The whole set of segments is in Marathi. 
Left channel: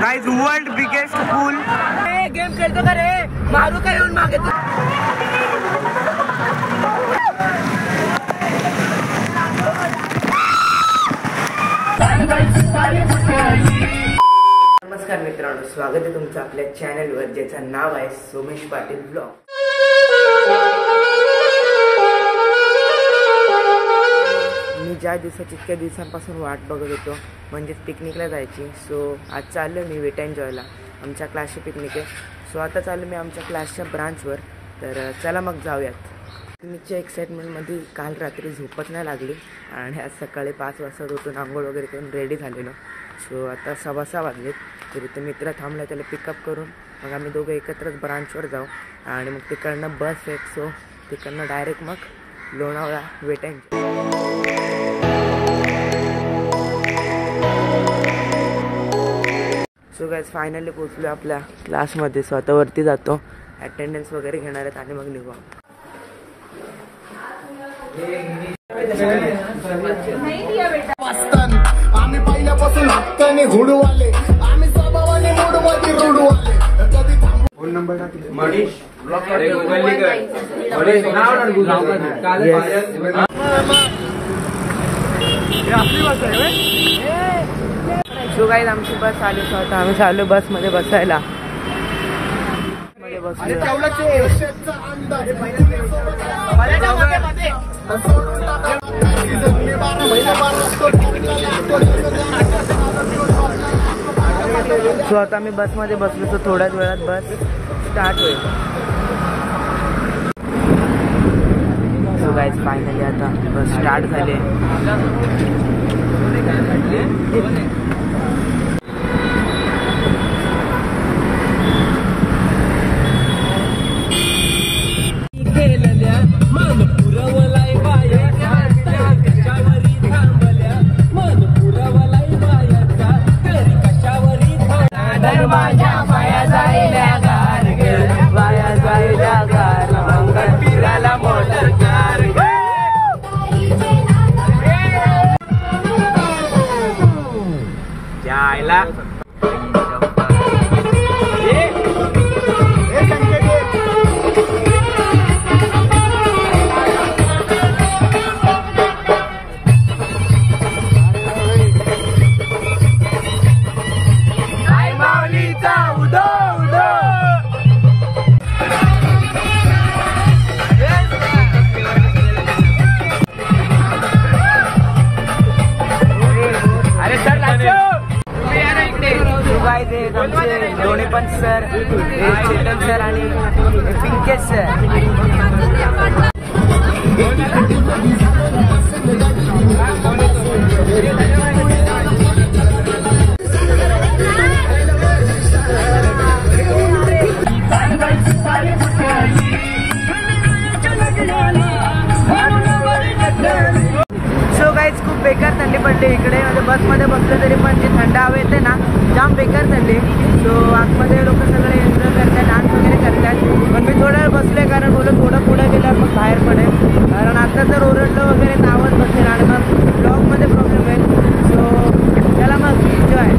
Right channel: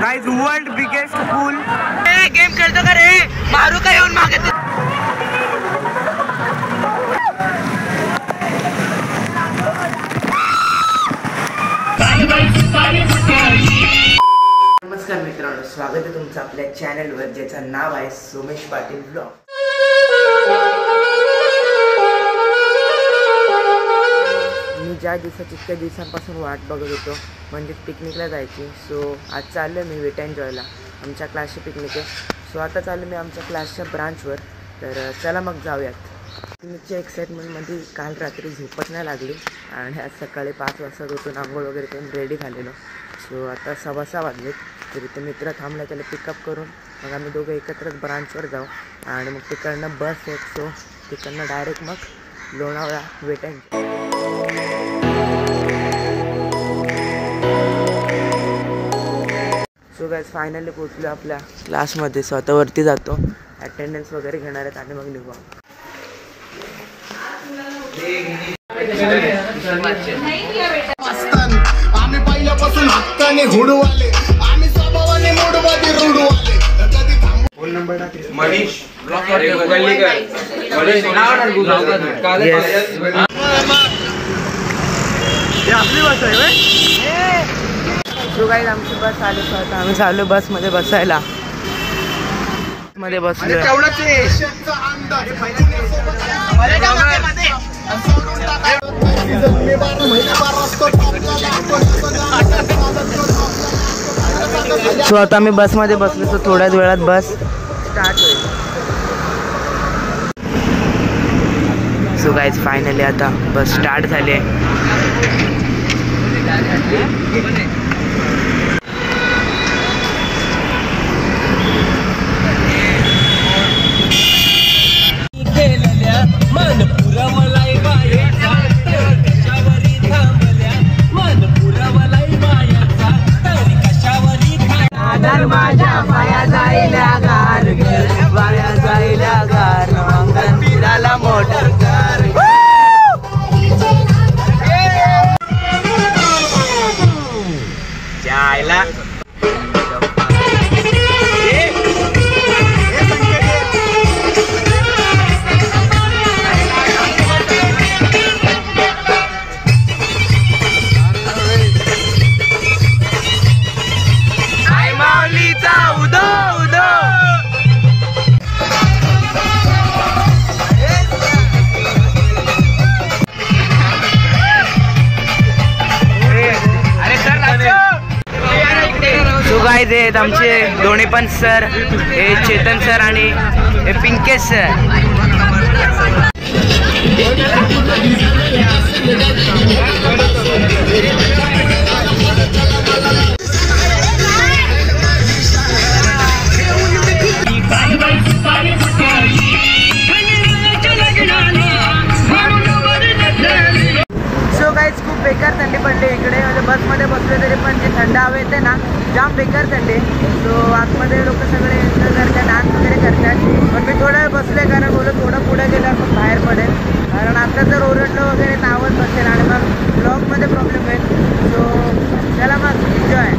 गाइस वर्ल्ड बिगेस्ट पूल। गेम खेलतो का रे? मारू का येऊन मागे? नमस्कार मित्रांनो, स्वागत आहे तुमचं आपल्या चॅनलवर ज्याचं नाव आहे सोमेश पाटील ब्लॉग। मी ज्या दिवसाची इतक्या दिवसांपासून वाट बघत होतो म्हणजे पिकनिकला जायची। सो आज चाललो मी वेट एन्जॉयला, आमच्या क्लासची पिकनिक आहे। सो आता चाललो मी आमच्या क्लासच्या ब्रांचवर, तर चला मग जाऊयात। पिकनिकच्या एक्साइटमेंटमध्ये काल रात्री झोपच नाही लागली आणि आज सकाळी 5 वाजता उठून आंघोळ वगैरे करून रेडी झालेलो। सो आता 6:15 वाजलेत, तरी तो मित्र थांबला, त्याला पिकअप करून मग आम्ही दोघं एकत्रच ब्रांचवर जाऊ आणि मग तिकडनं बस आहे। सो तिकडनं डायरेक्ट मग Lonavala wet enjoy. So guys finally पोहोचलो आपल्या क्लासमध्ये। सो आता वरती जातो, अटेंडन्स वगैरे घेणार आहेत आणि मग निघू। आम्ही पहिल्यापासून हक्काने हुडवाले, आम्ही स्वभावाने मोडवाले रुडवाले। फोन नंबर टाक मनीष सो गाइस आमची बस आली। सो आता आम्ही चाललो बसमध्ये बसायला। मध्ये बसलो। सो आता आम्ही बसमध्ये बसलो। सो थोड्याच वेळात बस स्टार्ट होईल। सो गाइस फायनली आता बस स्टार्ट झाली आहे। आमचे दोन्ही पण सर, हे चेतन सर आणि हे पिंकेश सर। सो गाइस खूप बेकार थंडी पडली इकडे, म्हणजे बसमध्ये बसले तरी पण जे थंड हवा येते ना, जाम बेकार थंडी। सो आतमध्ये लोक सगळे एन्जॉय करतात, डान्स वगैरे करतात, पण मी थोडा वेळ बसले कारण बोलत थोडं पुढे गेल्यावर मग बाहेर पडेल, कारण आता जर ओरडलं वगैरे तर आवाज बसेल आणि मग ब्लॉगमध्ये प्रॉब्लेम होईल। सो चला मग एन्जॉय।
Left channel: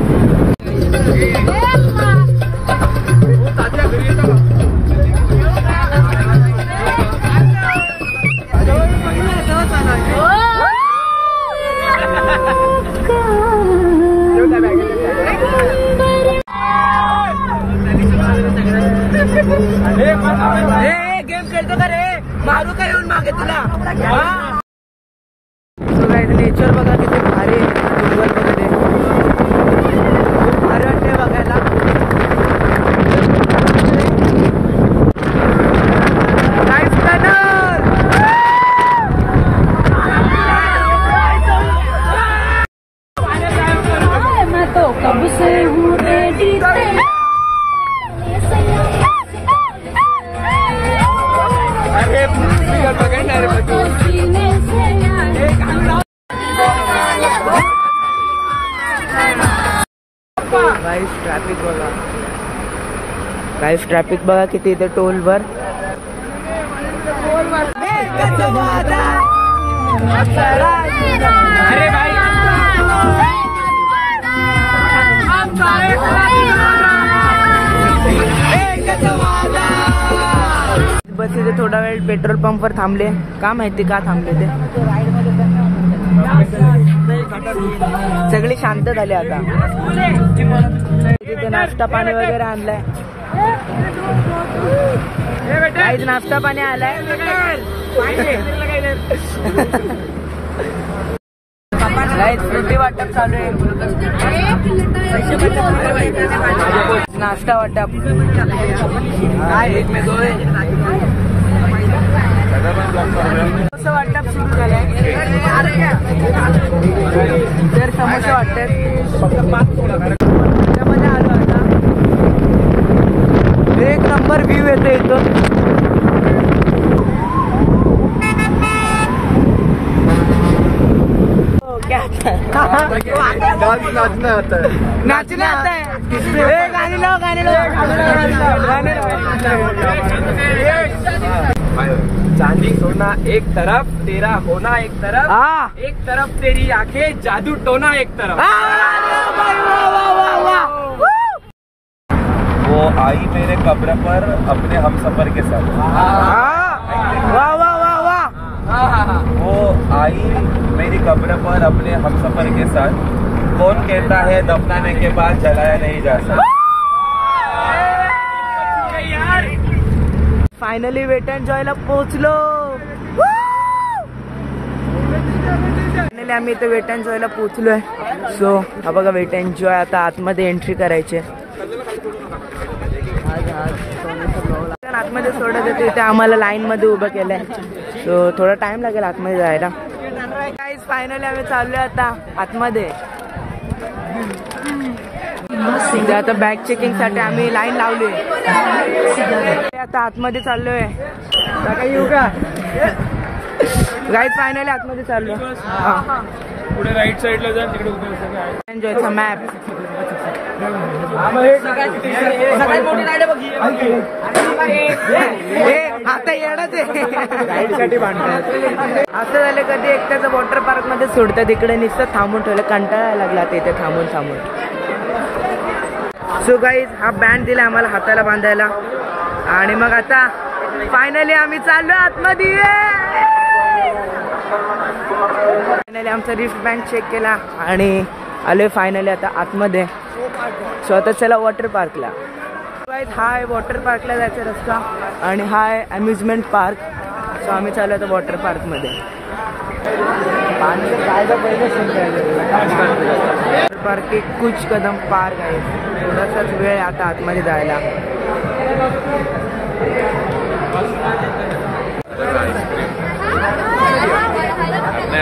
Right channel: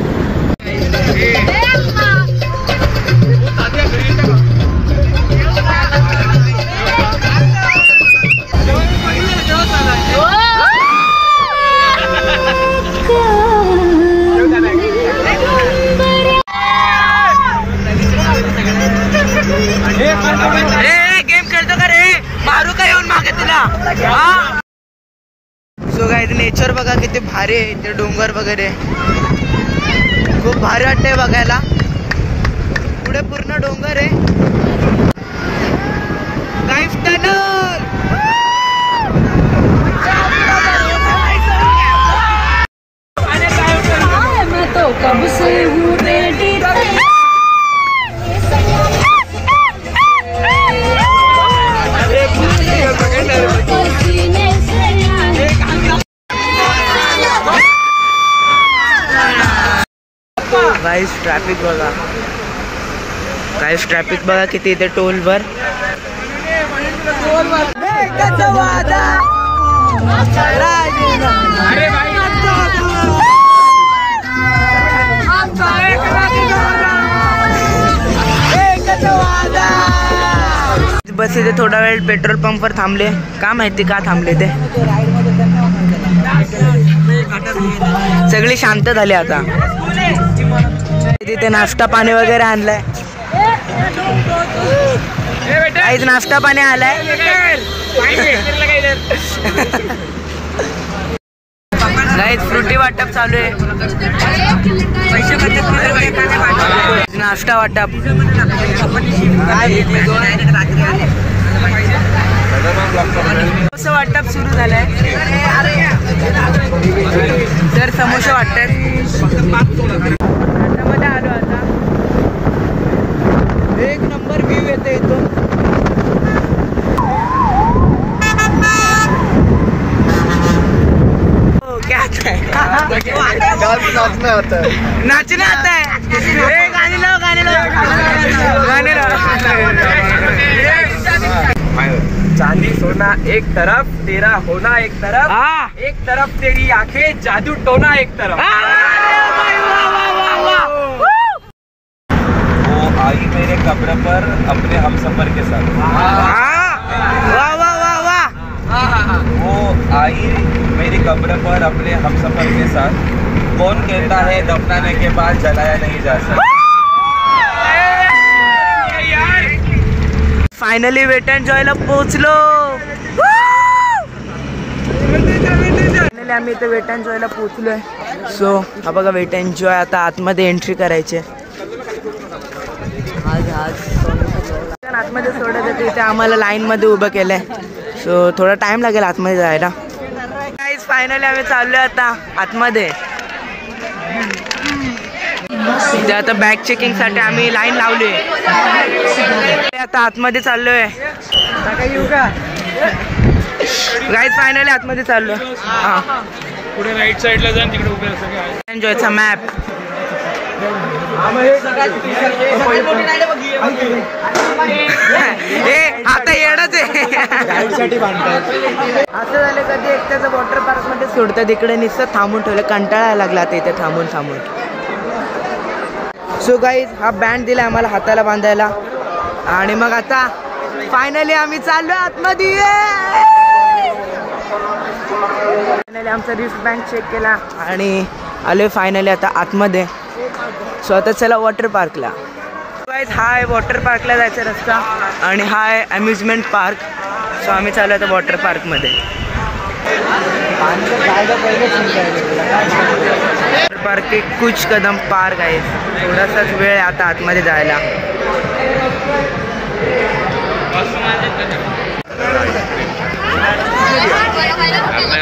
गेम खेळतो का रे? मारू का येऊन मागे तुला? सो गाइस नेचर बघा किती भारी आहे, ते डोंगर वगैरे खूप भारी वाटतंय बघायला। ते पूर्ण डोंगर आहे, लाईफ टनल। गाइस ट्रॅफिक बघा किती इथे टोलवर। अरे भाई बस इथे थोडा वेळ पेट्रोल पंपवर थांबले. का माहिती का थांबले ते, सगळी शांत झाली आता. तिथे नाश्ता पाणी वगैरे आणलाय. काहीच नाश्ता पाणी आलाय. गाईज फ्रुटी वाटप चालू आहे. नाश्ता वाटप. समोसा वाटप सुरू झालंय. तर समोसा वाटतात. त्याच्यामध्ये आलो आता. एक नंबर व्ह्यू येतो इथून. क्या आता है? नाचना आता है. नाचने आता है. गाने लो गाने लो गाने लो. चांदी सोना एक तरफ, तेरा होना एक तरफ. हाँ. एक तरफ तेरी आंखें, जादू टोना एक तरफ. वो आई मेरे कब्र पर अपने हमसफर के साथ. वाह वाह वाह वाह. वो आई मेरी कब्र पर अपने हमसफर के साथ. कौन कहता है दफनाने के बाद जलाया नहीं जा सकता. फायनली वेट अँड जॉयला पोहोचलो. फायनली आम्ही इथे वेट अँड जॉयला पोहोचलोय. सो हा बघा वेट अँड जॉय. आता आतमध्ये एंट्री करायची. आतमध्ये सोडत होते इथे आम्हाला लाईन मध्ये उभं केलंय. सो थोडा टाइम लागेल आतमध्ये जायला. गाईज फायनली आम्ही चाललोय आता आतमध्ये. ते आता बॅग चेकिंग साठी आम्ही लाईन लावली. आता आतमध्ये चाललोय. गाईज फायनली आतमध्ये चाललोय. हा पुढे राईट साईडला जाऊन तिकडे उभे असं एन्जॉयचा मॅप. आता येणच आहे. असं झालं कधी एकट्याचं वॉटर पार्क मध्ये सोडतात इकडे नुसतं थांबून ठेवलं. कंटाळा लागला ते इथे थांबून थांबून. सो गाईज हा बँड दिला आम्हाला हाताला बांधायला. आणि मग आता फायनली आम्ही चाललोय आतमध्ये. फायनली आमचा रिस्ट बँड चेक केला आणि आलोय फायनली आता आतमध्ये. सो आता चला वॉटर पार्कला. गाईज हा आहे वॉटर पार्कला जायचा रस्ता आणि हा आहे अम्युजमेंट पार्क. सो आम्ही चालू आता वॉटर पार्कमध्ये. वॉटर पार्क के कुछ कदम पार्क आहे. थोडासाच वेळ आहे आता आतमध्ये जायला.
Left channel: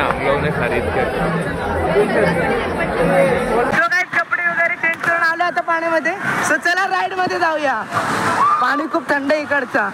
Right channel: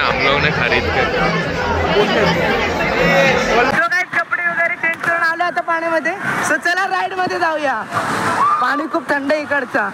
हम लोग ने खरीद कर. कपडे वगैरे चेंज करून आलो आता पाण्यामध्ये. सो चला राईड मध्ये जाऊया. पाणी खूप थंड आहे इकडचा.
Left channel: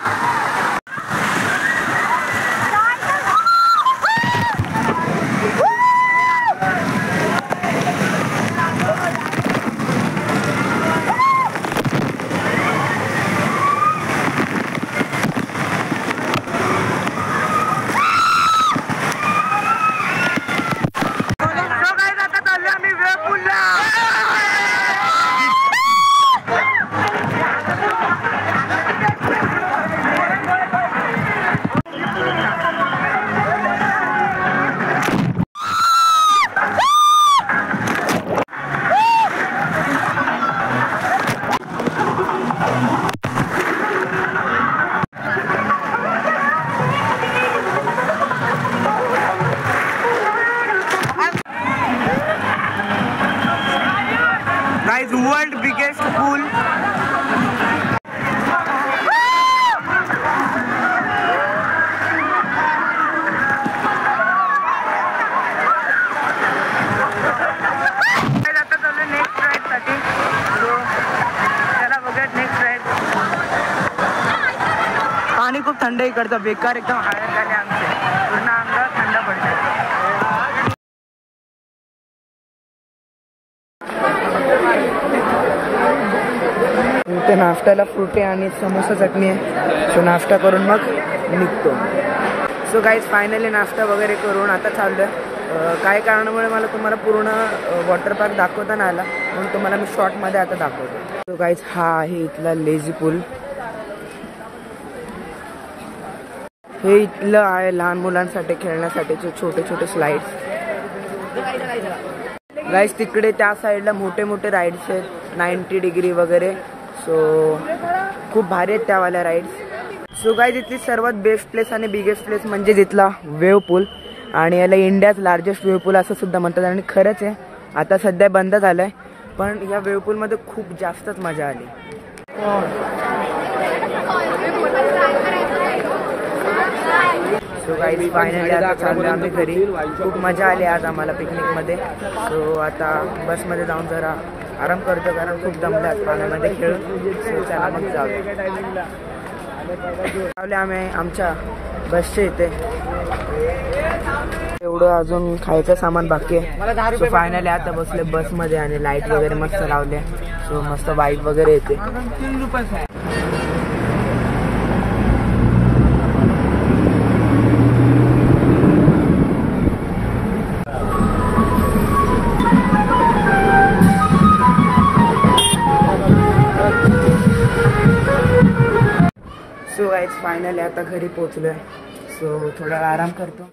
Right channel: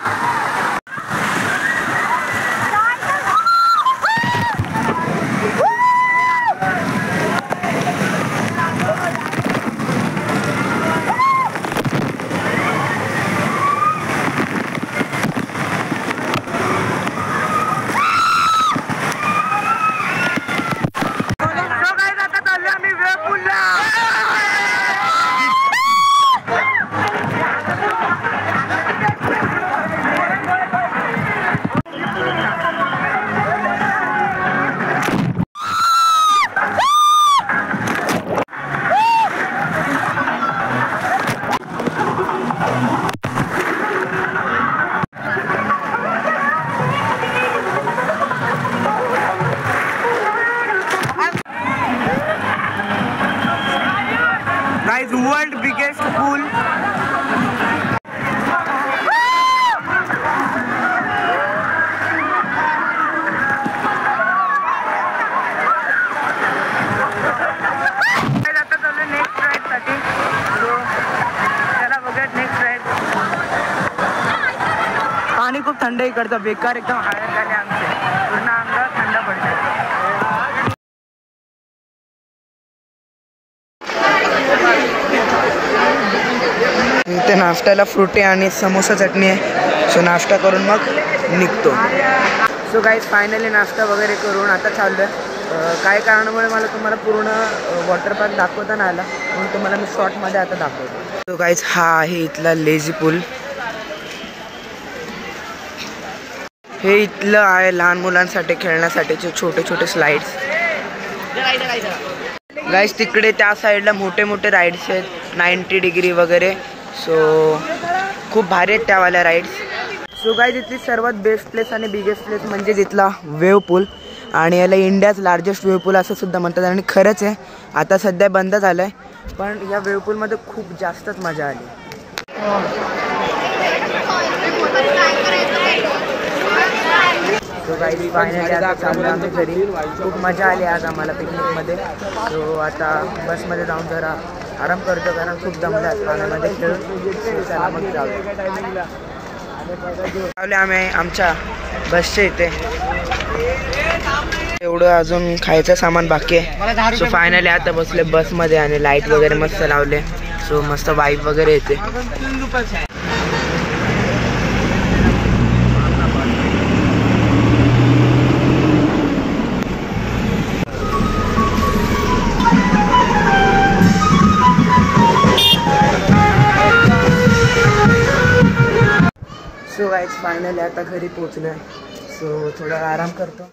Guys, world biggest pool. आता चालू नेक्स्ट राईड साठी. सो त्याला बघत नेक्स्ट राईड. पाणी खूप थंड इकडचं. बेकार एकदम हालत झाले आमचे. पूर्ण अंगात थंड पडते. इथे नाश्त्याला फ्रुटी आणि समोसा चटणी आहे. सो नाश्ता करून मग निघतो. सो गाईज फायनली नाश्ता वगैरे करून आता चाललो आहे. काही कारणामुळे मला तुम्हाला पूर्ण वॉटर पार्क दाखवता नाही आला म्हणून तुम्हाला मी शॉर्टमध्ये आता दाखवतो. सो गाईज हा आहे इथला लेझी पूल. हे इथलं आहे लहान मुलांसाठी खेळण्यासाठीचे छोटे छोटे स्लाइड्स. गाईस तिकडे त्या साईडला मोठे मोठे राईड्स आहेत 90 डिग्री वगैरे. सो खूप भारी आहेत त्यावाल्या राईड्स. सो गाईस इथली सर्वात बेस्ट प्लेस आणि बिगेस्ट प्लेस म्हणजे तिथला वेव पूल. आणि याला इंडियाज लार्जेस्ट वेव पूल असं सुद्धा म्हणतात. आणि खरंच आहे आता सध्या बंद झालं आहे, पण या वेव पूलमध्ये खूप जास्तच मजा आली. सो गाईस फायनली आता चाललो आम्ही घरी. खूप मजा आली आज आम्हाला पिकनिकमध्ये. सो आता बसमध्ये जाऊन जरा आराम करतो कारण खूप दमल्यात पाण्यामध्ये खेळून. सो चला मग जाऊया. आम्ही आमच्या बसच्या इथे. एवढं अजून खायचं सामान बाकी आहे. सो फायनली आता बसले बसमध्ये आणि लाईट वगैरे मस्त लावले. सो मस्त वाईब वगैरे येते. सो गाईज फायनली आता घरी पोचलोय. सो थोडा आराम करतो.